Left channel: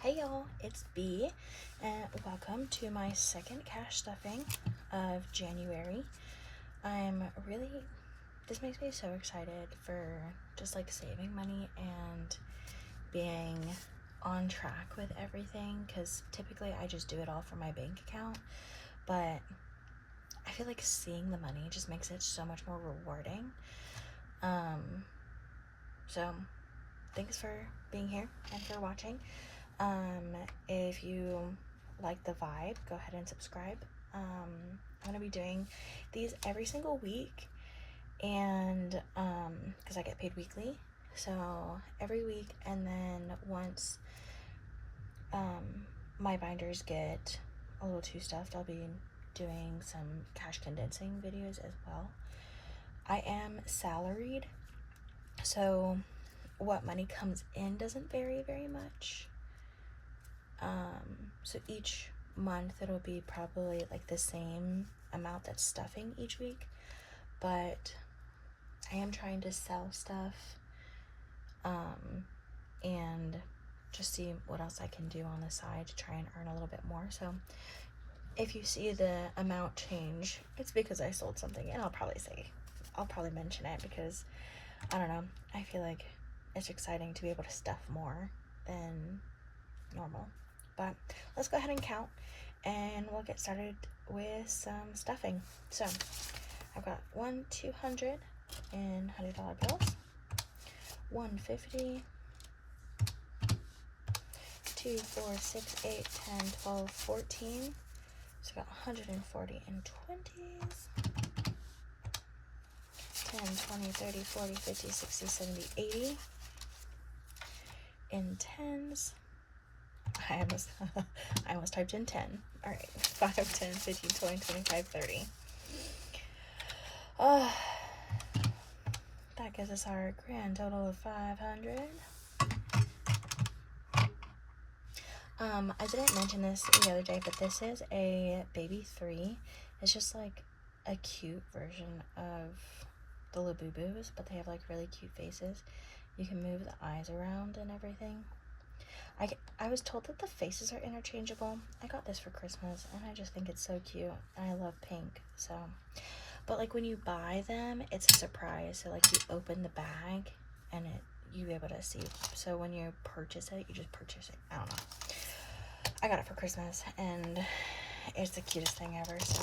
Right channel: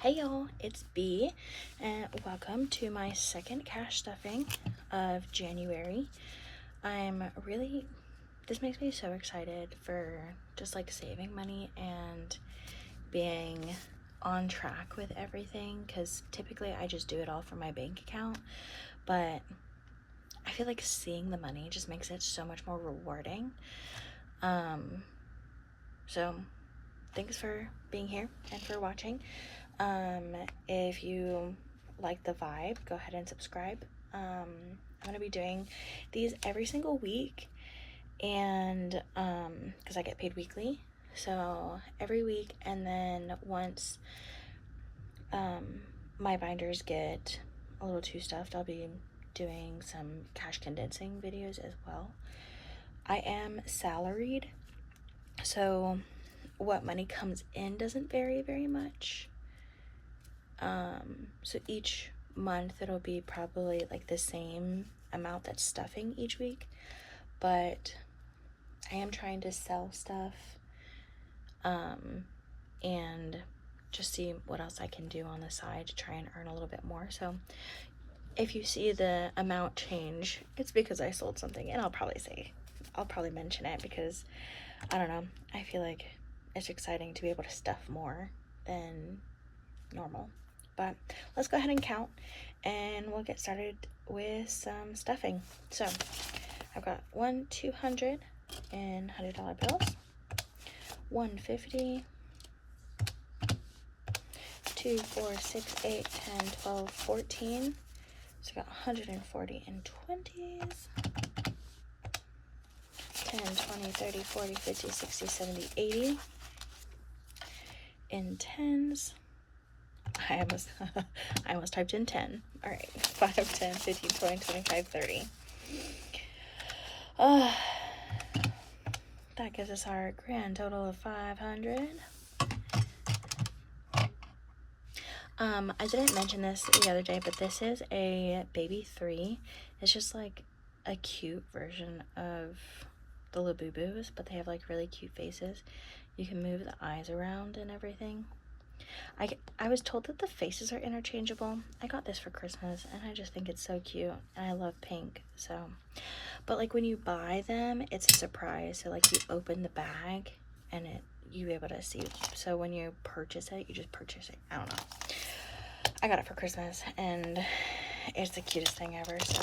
Hey y'all, it's B, and welcome to my second cash stuffing of January. This makes me so excited for just like saving money and being on track with everything, because typically I just do it all from my bank account, but I feel like seeing the money just makes it so much more rewarding. So thanks for being here and for watching. If you like the vibe, go ahead and subscribe. I'm gonna be doing these every single week, and because I get paid weekly, so every week, and then once my binders get a little too stuffed, I'll be doing some cash condensing videos as well. I am salaried, so what money comes in doesn't vary very much. So each month it'll be probably like the same amount that's stuffing each week, but I am trying to sell stuff and just see what else I can do on the side to try and earn a little bit more. So if you see the amount change, it's because I sold something, and I'll probably mention it because I don't know, I feel like it's exciting to be able to stuff more than normal. But let's go ahead and count, and we'll get started with some stuffing. So I've got 1 $200 in $100 bills, 150, 2 4 6 8 10 12 14. So I've got 140 in 20s, 10 20 30 40 50 60 70 80 in 10s. I almost typed in 10. All right, 5, 10, 15, 20, 25, 30. That gives us our grand total of 500. I didn't mention this the other day, but this is a baby 3. It's just like a cute version of the Labubu's, but they have like really cute faces. You can move the eyes around and everything. I was told that the faces are interchangeable. I got this for Christmas, and I just think it's so cute, and I love pink. So, but like when you buy them, it's a surprise. So like you open the bag, and you able to see. So when you purchase it, you just purchase it. I don't know. I got it for Christmas, and it's the cutest thing ever. So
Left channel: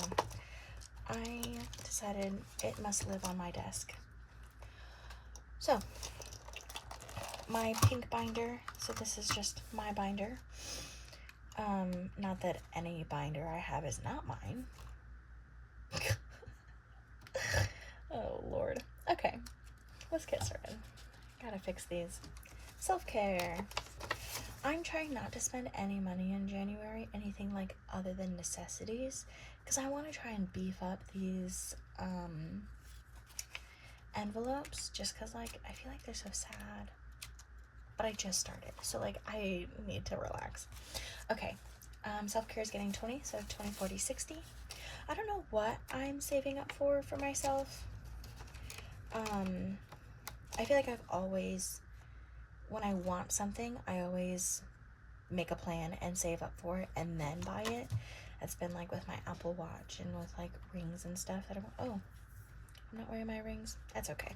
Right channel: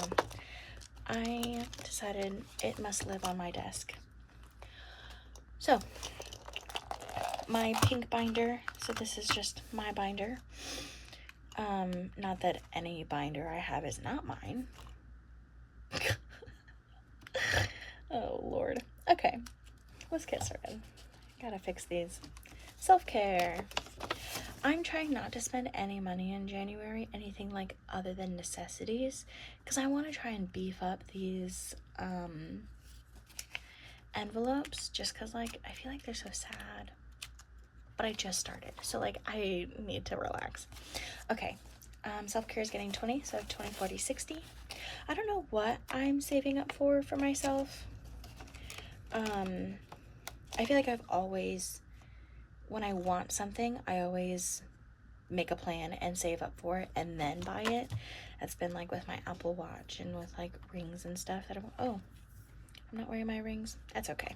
I decided it must live on my desk. So my pink binder, so this is just my binder. Not that any binder I have is not mine. Oh Lord. Okay, let's get started. Gotta fix these. Self-care. I'm trying not to spend any money in January, anything like other than necessities, because I want to try and beef up these envelopes, just because like I feel like they're so sad. But I just started, so like I need to relax. Okay, self-care is getting 20, so 20, 40, 60. I don't know what I'm saving up for myself. I feel like I've always, when I want something, I always make a plan and save up for it and then buy it. That's been like with my Apple Watch and with like rings and stuff that I'm not wearing my rings. That's okay.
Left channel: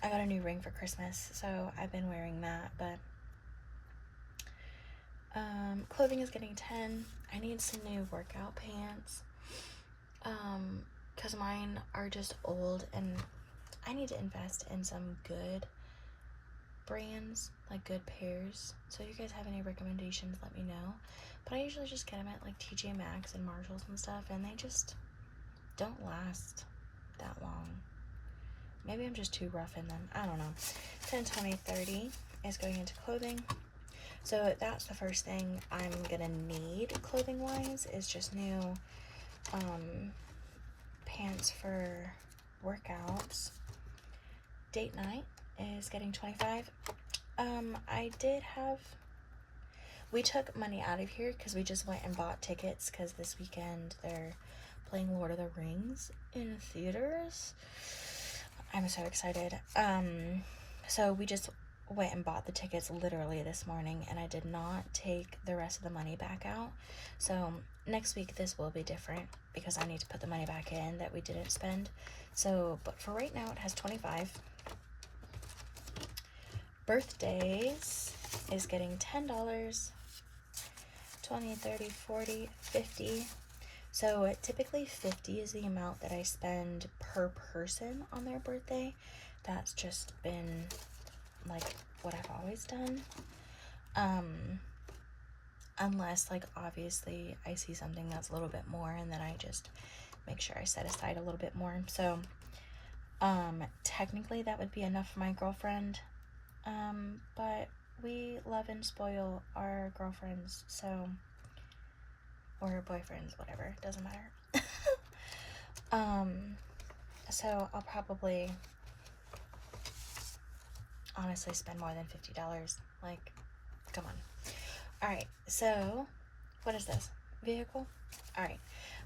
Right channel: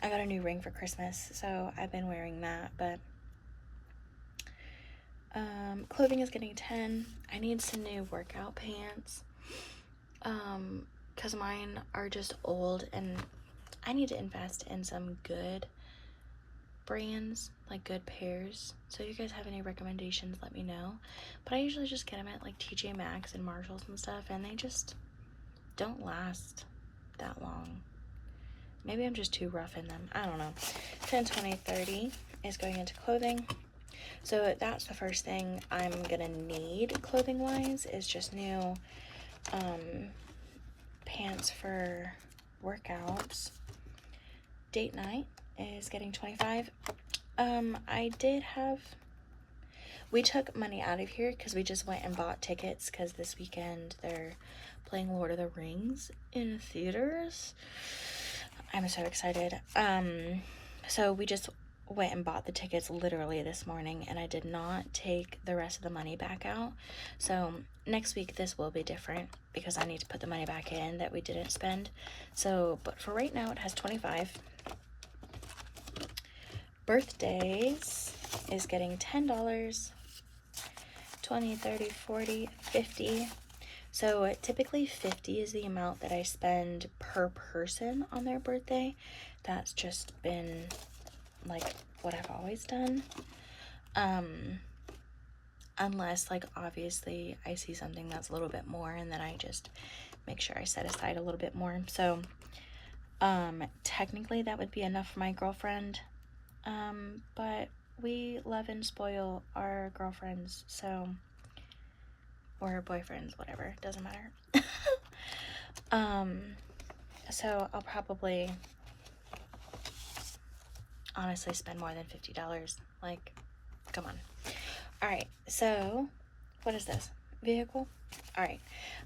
I got a new ring for Christmas, so I've been wearing that, but clothing is getting 10. I need some new workout pants, because mine are just old, and I need to invest in some good brands, like good pairs. So if you guys have any recommendations, let me know. But I usually just get them at like TJ Maxx and Marshalls and stuff, and they just don't last that long. Maybe I'm just too rough in them. I don't know. 10, 20, 30 is going into clothing. So that's the first thing I'm gonna need clothing wise, is just new pants for workouts. Date night is getting 25. We took money out of here because we just went and bought tickets, because this weekend they're playing Lord of the Rings in theaters. I'm so excited. So we just went and bought the tickets literally this morning, and I did not take the rest of the money back out. So next week this will be different because I need to put the money back in that we didn't spend. So, but for right now it has 25. Birthdays is getting $10, 20, 30, 40, 50. So typically 50 is the amount that I spend per person on their birthday. That's just been like what I've always done. Unless like obviously I see something that's a little bit more, and then I just make sure I set aside a little bit more. So technically that would be enough for my girlfriend. But we love and spoil our girlfriends, so, or boyfriends, whatever, doesn't matter. So I'll probably honestly spend more than $50. Like, come on. All right, so what is this? Vehicle? All right,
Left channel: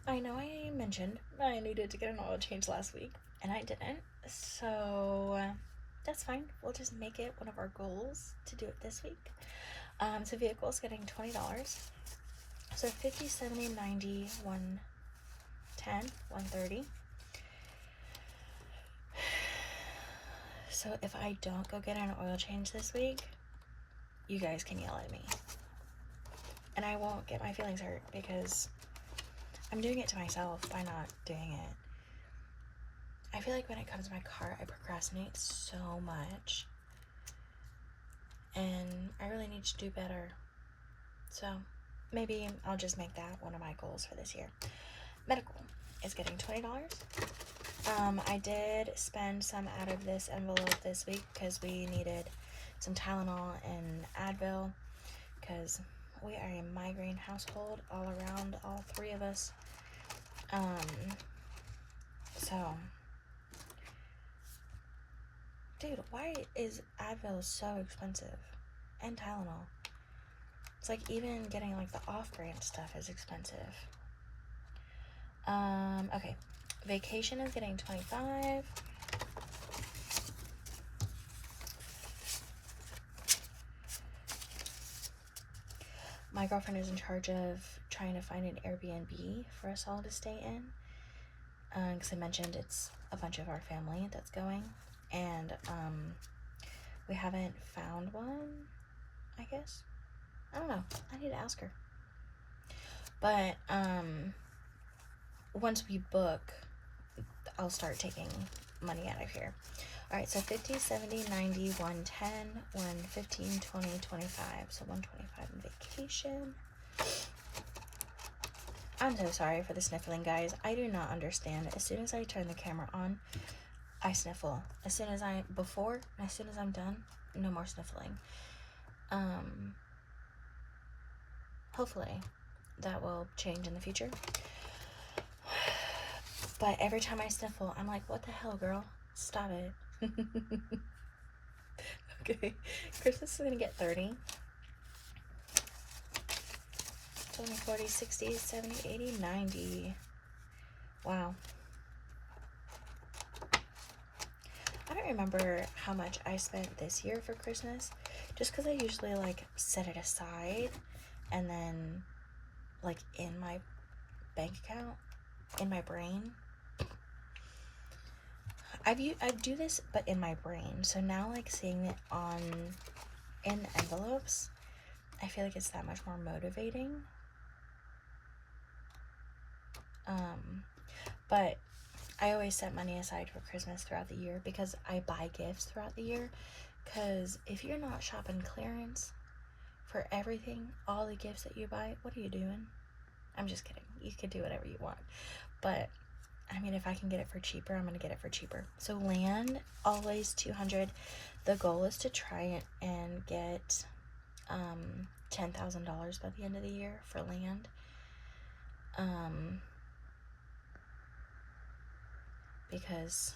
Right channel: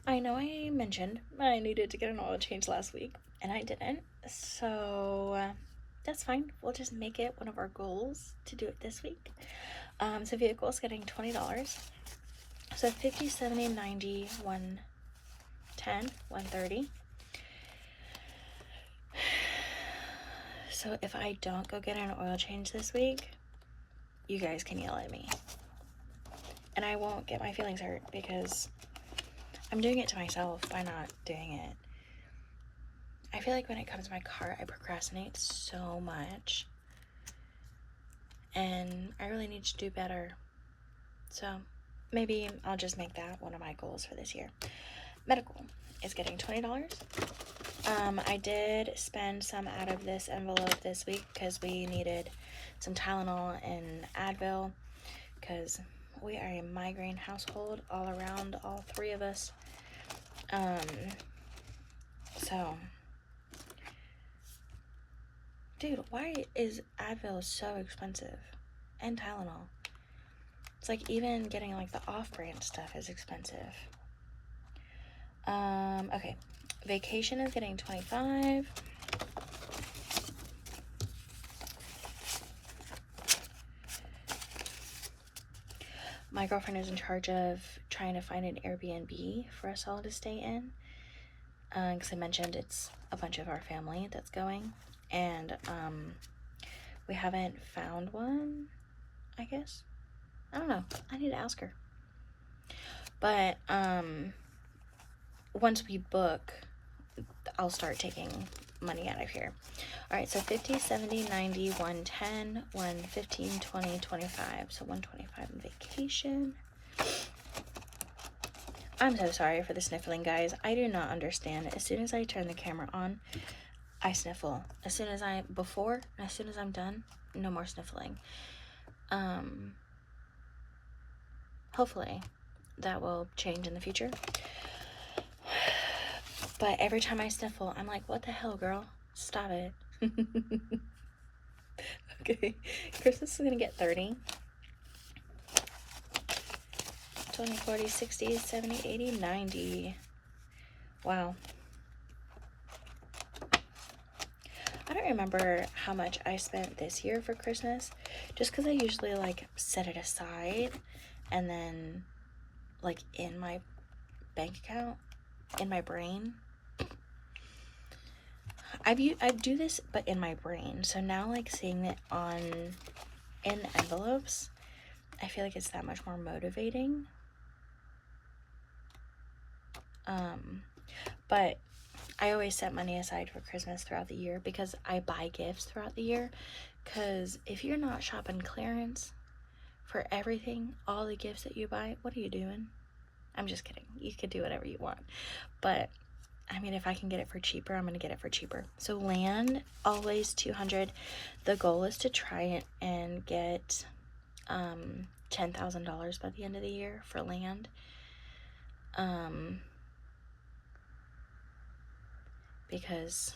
I know I mentioned I needed to get an oil change last week, and I didn't, so that's fine. We'll just make it one of our goals to do it this week. So vehicle is getting $20. So 50, 70, 90, 110, 130. So if I don't go get an oil change this week, you guys can yell at me. And I won't get my feelings hurt because I'm doing it to myself by not doing it. I feel like when it comes to my car, I procrastinate so much. And I really need to do better. So maybe I'll just make that one of my goals for this year. Medical is getting $20. I did spend some out of this envelope this week because we needed some Tylenol and Advil because we are a migraine household all around, all three of us. So, dude, why is Advil so expensive? And Tylenol. It's like even getting like the off-brand stuff is expensive. Okay. Vacation is getting $25. My girlfriend is in charge of trying to find an Airbnb for us all to stay in. Because I mentioned it's a bunch of our family that's going. And we haven't found one, I guess. I don't know. I need to ask her. But once we book, I'll start taking money out of here. All right, so 50, 70, 90, 110, 115, 20, 25. So 125 in vacation. I'm so sorry for the sniffling, guys. I do not understand. As soon as I turn the camera on, I sniffle. As soon as I'm done, no more sniffling. Hopefully that will change in the future. But every time I sniffle, I'm like, what the hell, girl? Stop it. Okay, Christmas is gonna get 30. 20, 40, 60, 70, 80, 90. Wow. I don't remember how much I spent this year for Christmas, just because I usually like set it aside and then like in my bank account, in my brain. I do this, but in my brain. So now like seeing it in envelopes, I feel like it's that much more motivating. But I always set money aside for Christmas throughout the year because I buy gifts throughout the year. Because if you're not shopping clearance for everything, all the gifts that you buy, what are you doing? I'm just kidding. You could do whatever you want. But I mean, if I can get it for cheaper, I'm going to get it for cheaper. So land, always $200. The goal is to try it and get $10,000 by the end of the year for land. Because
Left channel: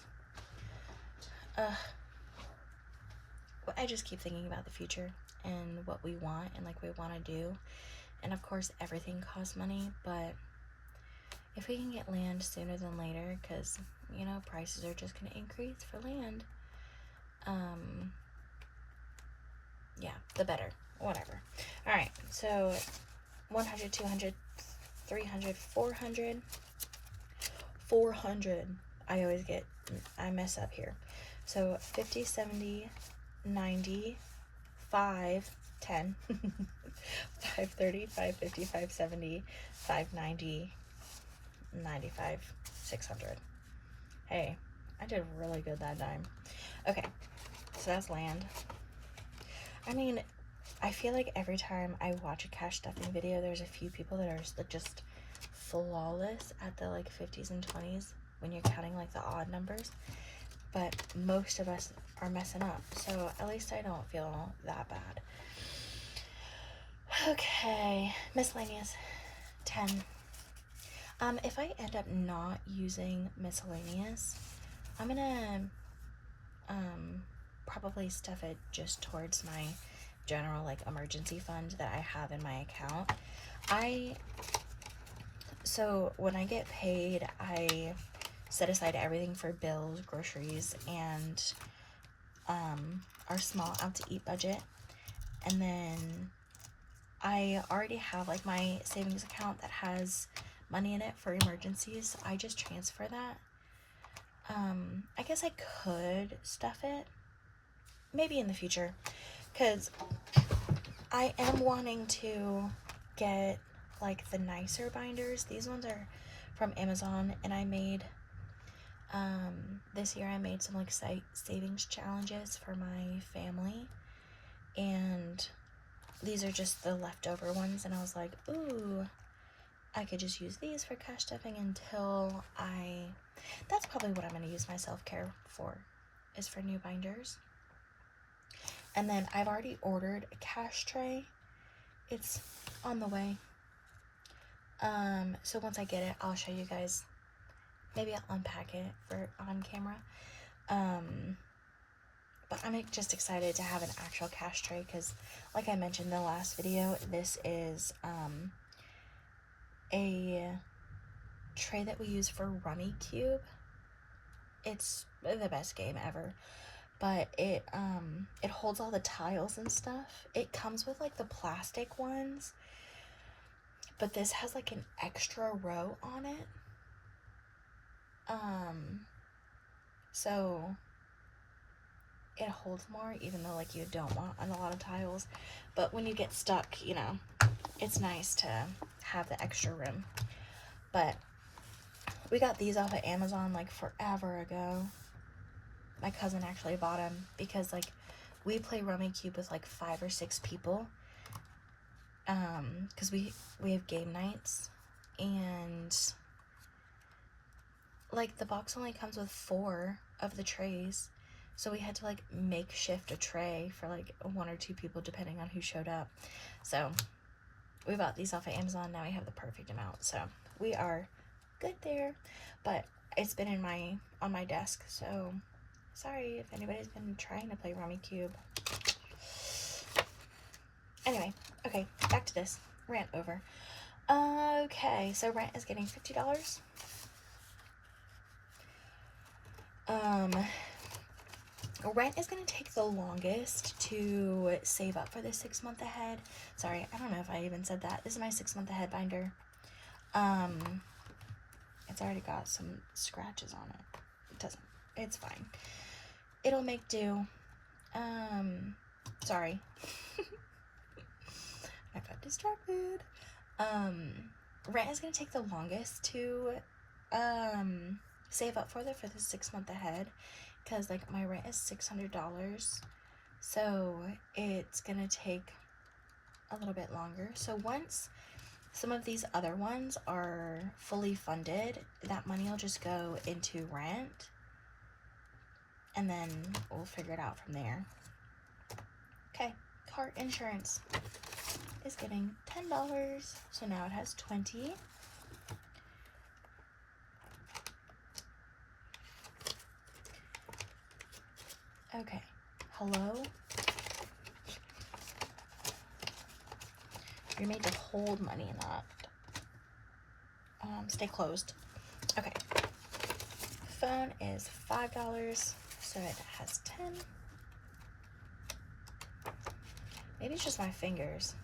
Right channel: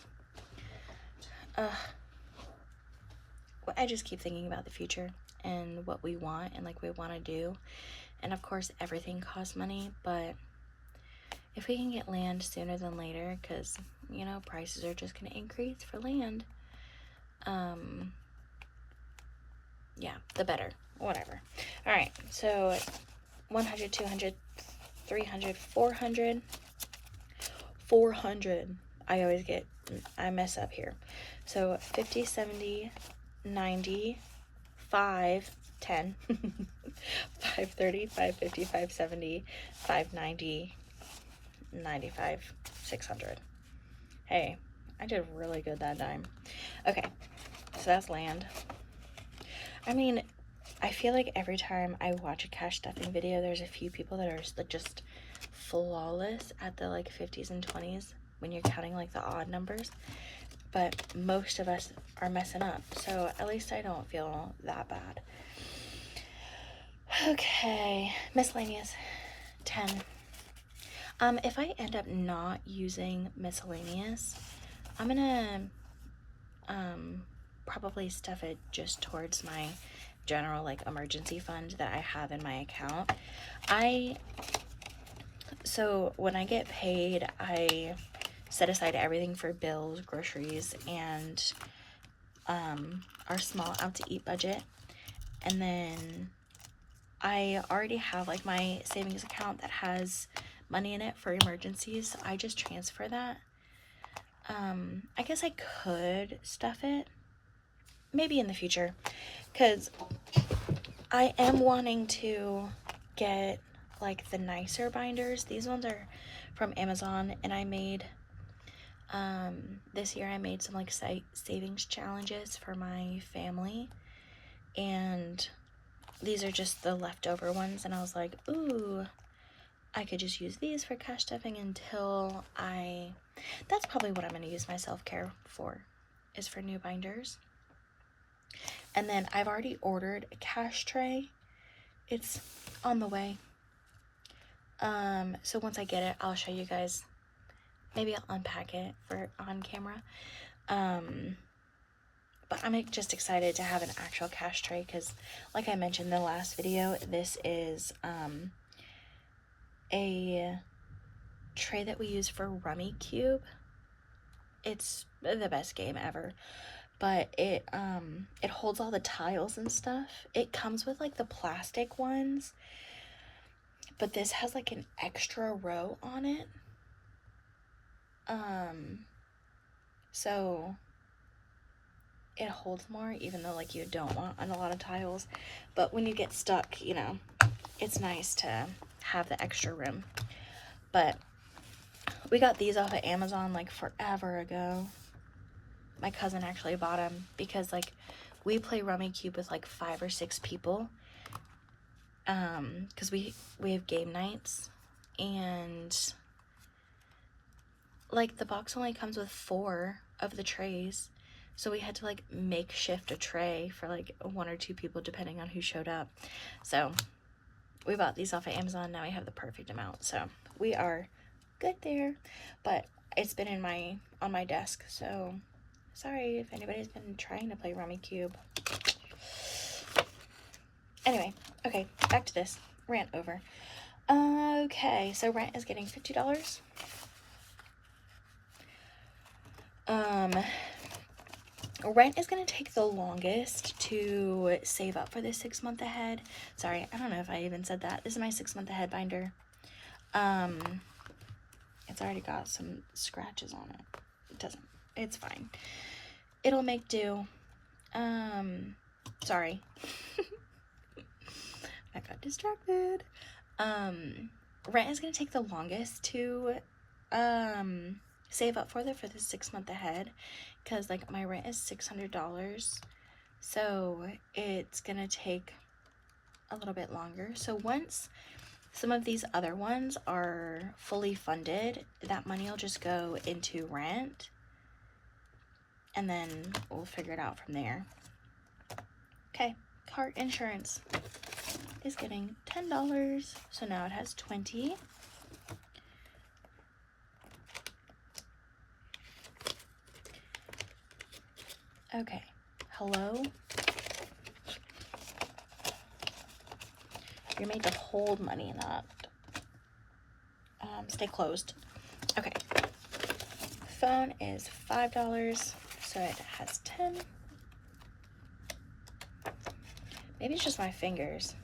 I just keep thinking about the future and what we want and like we want to do. And of course, everything costs money, but if we can get land sooner than later, because, you know, prices are just going to increase for land, the better. Whatever. All right, so 100, 200, 300, 400. 400. I mess up here. So 50, 70, 90, 5, 10, 530, 550, 570, 590, 95, 600. Hey, I did really good that time. Okay, so that's land. I mean, I feel like every time I watch a cash stuffing video, there's a few people that are just flawless at the like 50s and 20s when you're counting like the odd numbers, but most of us are messing up, so at least I don't feel that bad. Okay, miscellaneous, 10. If I end up not using miscellaneous, I'm gonna probably stuff it just towards my general like emergency fund that I have in my account. So when I get paid, I set aside everything for bills, groceries, and our small out to eat budget. And then I already have like my savings account that has money in it for emergencies. So I just transfer that. I guess I could stuff it maybe in the future, because I am wanting to get like the nicer binders. These ones are from Amazon, and I made this year I made some like savings challenges for my family, and these are just the leftover ones, and I was like, ooh, I could just use these for cash stuffing until that's probably what I'm going to use my self-care for, is for new binders. And then I've already ordered a cash tray. It's on the way. So once I get it, I'll show you guys. Maybe I'll unpack it for on camera. But I'm just excited to have an actual cash tray, because like I mentioned in the last video, this is a tray that we use for Rummy Cube. It's the best game ever, but it holds all the tiles and stuff. It comes with like the plastic ones, but this has like an extra row on it. So it holds more, even though like you don't want a lot of tiles, but when you get stuck, you know, it's nice to have the extra room. But we got these off of Amazon like forever ago. My cousin actually bought them because like we play Rummy Cube with like 5 or 6 people, because we have game nights, and like the box only comes with 4 of the trays, so we had to like makeshift a tray for like 1 or 2 people depending on who showed up. So we bought these off of Amazon. Now we have the perfect amount, so we are good there. But it's been on my desk, so sorry if anybody's been trying to play Rummy Cube. Anyway, okay, back to this. Rant over. Okay, so rent is getting $50. Rent is going to take the longest to save up for this 6 month ahead. Sorry, I don't know if I even said that. This is my 6 month ahead binder. It's already got some scratches on it. It doesn't, it's fine. It'll make do. Sorry. I got distracted. Rent is going to take the longest to save up for the 6 month ahead, because like my rent is $600, so it's gonna take a little bit longer. So once some of these other ones are fully funded, that money will just go into rent, and then we'll figure it out from there. Okay, car insurance is getting $10, so now it has 20. Okay, hello? You're made to hold money, not stay closed. Okay, phone is $5, so it has 10. Maybe it's just my fingers.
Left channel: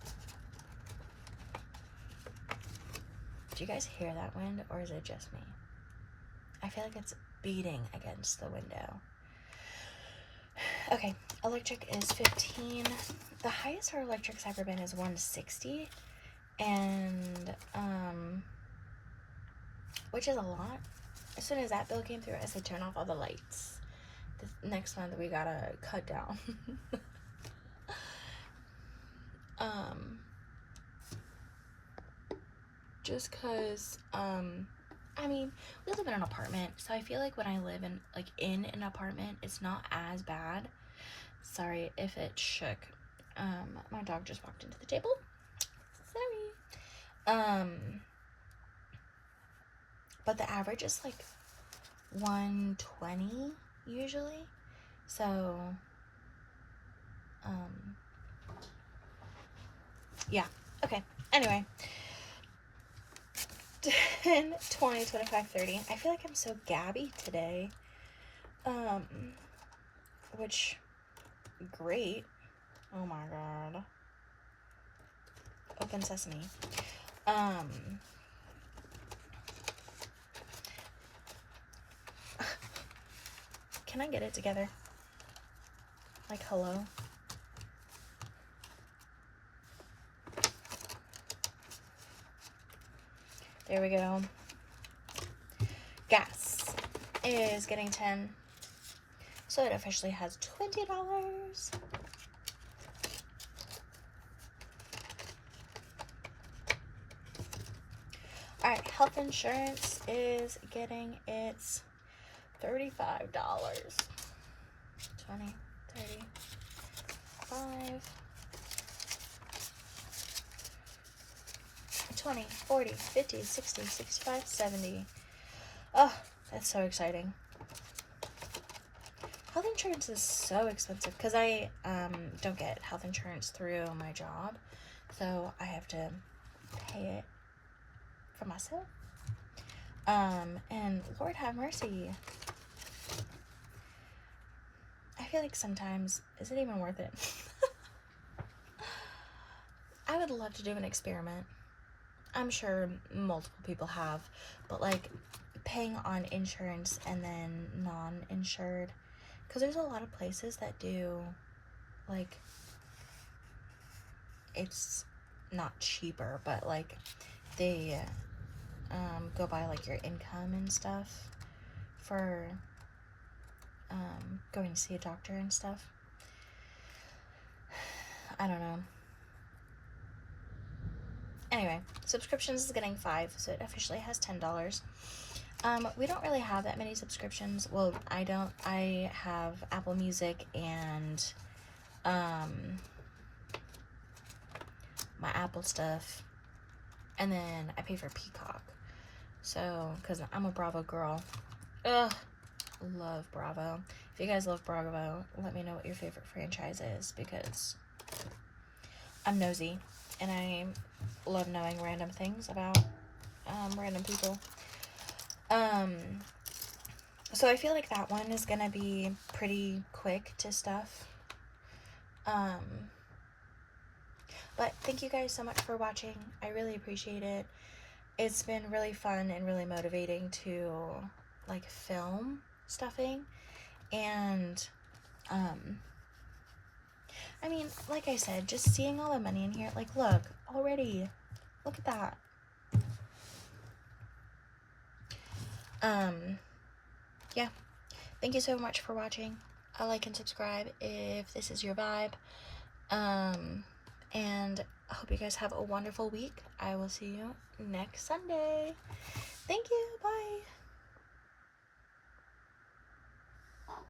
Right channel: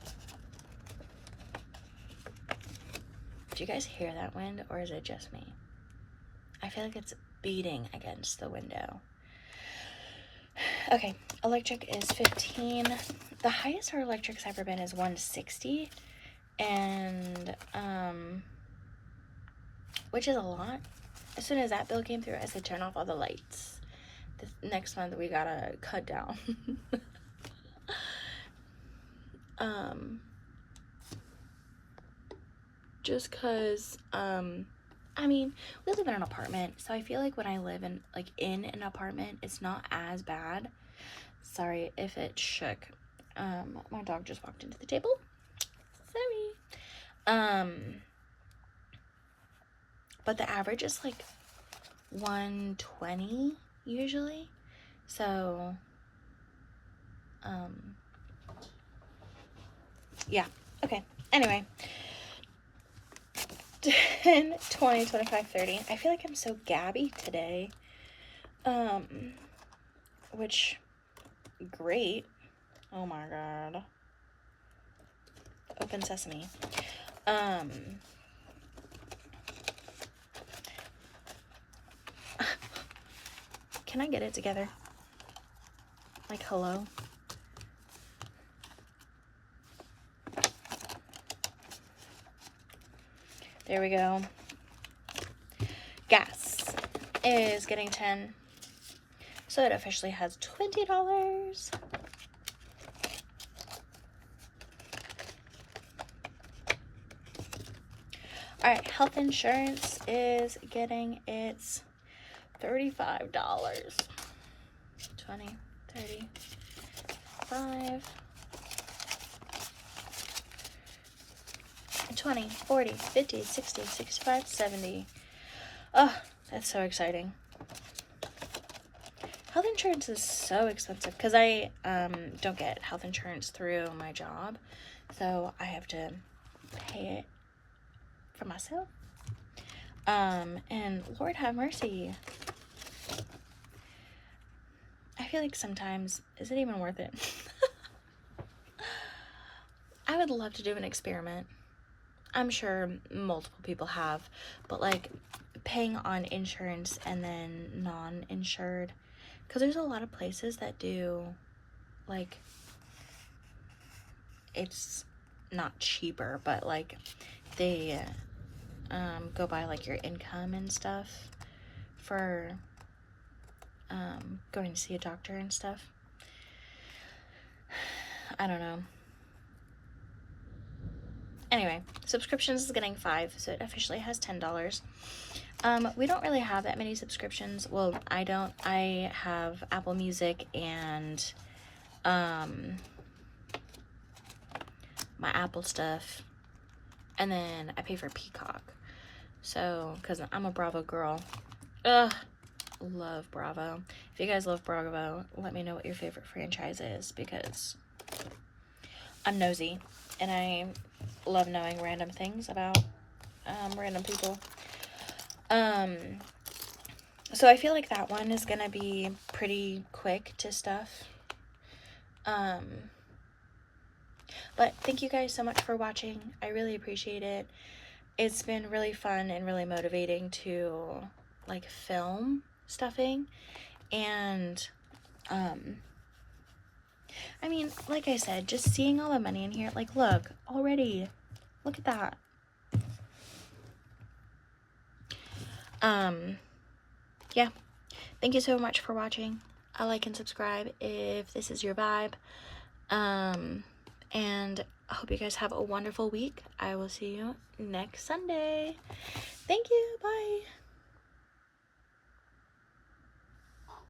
Do you guys hear that wind, or is it just me? I feel like it's beating against the window. Okay, electric is 15. The highest our electric's ever been is 160, and which is a lot. As soon as that bill came through, I said turn off all the lights. The next month we gotta cut down. Just cause I mean, we live in an apartment, so I feel like when I live in an apartment, it's not as bad. Sorry if it shook. My dog just walked into the table. Sorry. But the average is like 120 usually. So, yeah. Okay. Anyway. 10, 20, 25, 30. I feel like I'm so gabby today. Which, great. Oh my god. Open sesame. Can I get it together? Like, hello? There we go. Gas is getting 10. So it officially has $20. Alright, health insurance is getting its $35. 20, 30, 5, 20, 40, 50, 60, 65, 70. Oh, that's so exciting. Health insurance is so expensive because I don't get health insurance through my job, so I have to pay it for myself. And Lord have mercy. I feel like sometimes, is it even worth it? I would love to do an experiment. I'm sure multiple people have, but like paying on insurance and then non-insured, because there's a lot of places that do, like, it's not cheaper, but like they go by like your income and stuff for going to see a doctor and stuff. I don't know. Anyway, subscriptions is getting 5, so it officially has $10. We don't really have that many subscriptions. Well, I don't. I have Apple Music and my Apple stuff, and then I pay for Peacock. So, because I'm a Bravo girl. Ugh, love Bravo. If you guys love Bravo, let me know what your favorite franchise is, because I'm nosy and I love knowing random things about random people. So I feel like that one is gonna be pretty quick to stuff. But thank you guys so much for watching. I really appreciate it. It's been really fun and really motivating to like film stuffing, and I mean, like I said, just seeing all the money in here, like, look, already, look at that. Yeah, thank you so much for watching. Like and subscribe if this is your vibe. And I hope you guys have a wonderful week. I will see you next Sunday. Thank you. Bye.